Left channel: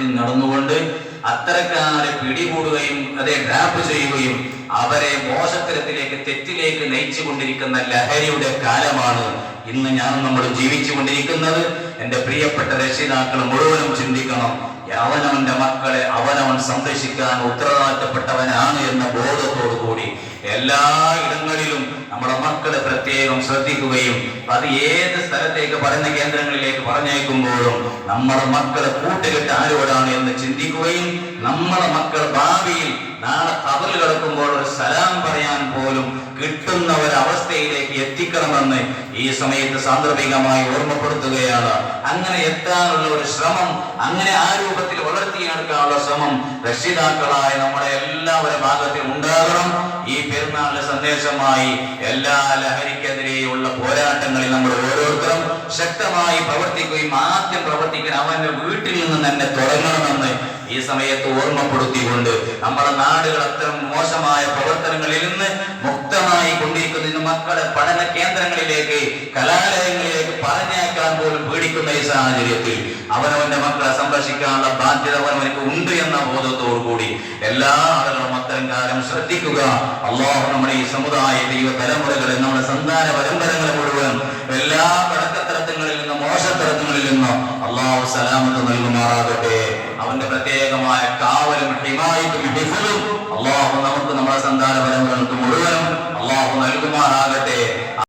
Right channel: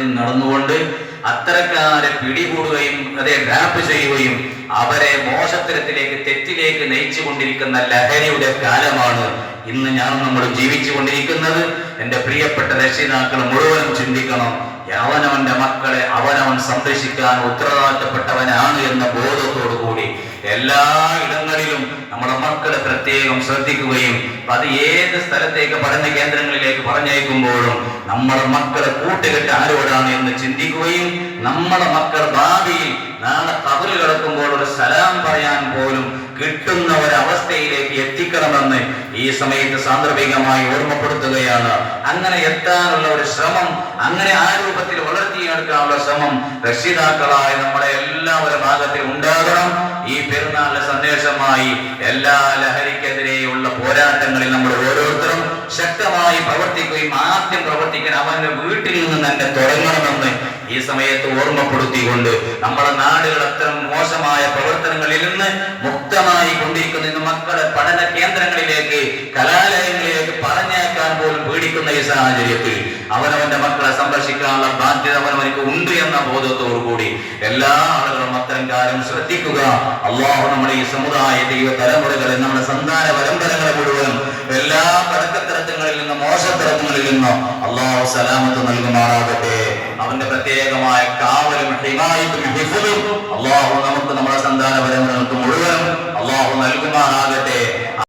രൂപത്തിൽ നടന്നുകൊണ്ട് അത്തരക്കാരെ പിടികൂടുകയും അതേ ട്രാപ്പ് ചെയ്യുകയും അവരെ മോശത്തരത്തിലേക്ക് തെറ്റിലേക്ക് നയിച്ചു കൊണ്ടിരിക്കുന്ന ലഹരിയുടെ കാലമാണ് ഇന്ന് ഞാൻ നമ്മൾ ജീവിച്ചു കൊണ്ടിരിക്കുന്നത് എന്റെ പ്രിയപ്പെട്ട രക്ഷിതാക്കൾ മുഴുവനും ചിന്തിക്കണം. അവനവന്റെ മക്കളെ അവനവൻ സംരക്ഷിക്കാൻ ഉത്തരവാദിത്തപ്പെട്ടവനാണ് എന്ന ബോധത്തോടു കൂടി എല്ലാ ഇടങ്ങളിലും നമ്മുടെ മക്കളെ പ്രത്യേകം ശ്രദ്ധിക്കുകയും അത് ഏത് സ്ഥലത്തേക്ക് പഠന കേന്ദ്രങ്ങളിലേക്ക് പറഞ്ഞയക്കുമ്പോഴും നമ്മുടെ മക്കളെ കൂട്ടുകെട്ട് ആരോടാണ് എന്ന് ചിന്തിക്കുകയും നമ്മുടെ മക്കൾ ഭാവിയിൽ നാളെ കബറ് കിടക്കുമ്പോൾ ഒരു സലാം പറയാൻ പോലും കിട്ടുന്ന ഒരവസ്ഥയിലേക്ക് എത്തിക്കണമെന്ന് ഈ സമയത്ത് സാന്ദർഭികമായി ഓർമ്മപ്പെടുത്തുകയാണ്. അങ്ങനെ എത്താനുള്ള ഒരു ശ്രമം അങ്ങനെ ആ രൂപത്തിൽ വളർത്തിയെടുക്കാനുള്ള ശ്രമം രക്ഷിതാക്കളായ നമ്മുടെ ഈ പെരുന്നാളിന്റെ സന്ദേശമായി എല്ലാ ലഹരിക്കെതിരെയുള്ള പോരാട്ടങ്ങളിൽ നമ്മൾ ഓരോരുത്തരും ശക്തമായി പ്രവർത്തിക്കുകയും ആദ്യം പ്രവർത്തിക്കാൻ അവന്റെ വീട്ടിൽ നിന്ന് തന്നെ തുടങ്ങണമെന്ന് ഈ സമയത്ത് ഓർമ്മപ്പെടുത്തിക്കൊണ്ട് നമ്മുടെ നാടുകൾ അത്തരം മോശമായ പ്രവർത്തനങ്ങളിൽ നിന്ന് മുക്തമായി കൊണ്ടിരിക്കുന്ന മക്കളുടെ പഠന കേന്ദ്രങ്ങളിലേക്ക് പോലും പേടിക്കുന്ന ഈ സാഹചര്യത്തിൽ അവനവന്റെ മക്കളെ സംരക്ഷിക്കാനുള്ള ബാധ്യത അവനവനക്ക് ഉണ്ട് എന്ന ബോധത്തോടു കൂടി എല്ലാ ആളുകളും അത്തരം കാര്യം ശ്രദ്ധിക്കുക. അള്ളാഹു നമ്മുടെ ഈ സമുദായത്തെ തലമുറകളെ നമ്മുടെ സന്താന പരമ്പരകളെ മുഴുവൻ എല്ലാ പടക്കത്തരത്തങ്ങളിൽ നിന്നും മോശത്തരത്തങ്ങളിൽ നിന്നും അള്ളാഹു സലാമത്ത് നൽകുമാറാകട്ടെ. അവന്റെ പ്രത്യേകമായ കാവലും ഹിമായിട്ടും അള്ളാഹു നമുക്ക് നമ്മുടെ സന്താന പരമ്പരകൾക്ക് മുഴുവനും അള്ളാഹു നൽകുമാറാകട്ടെ.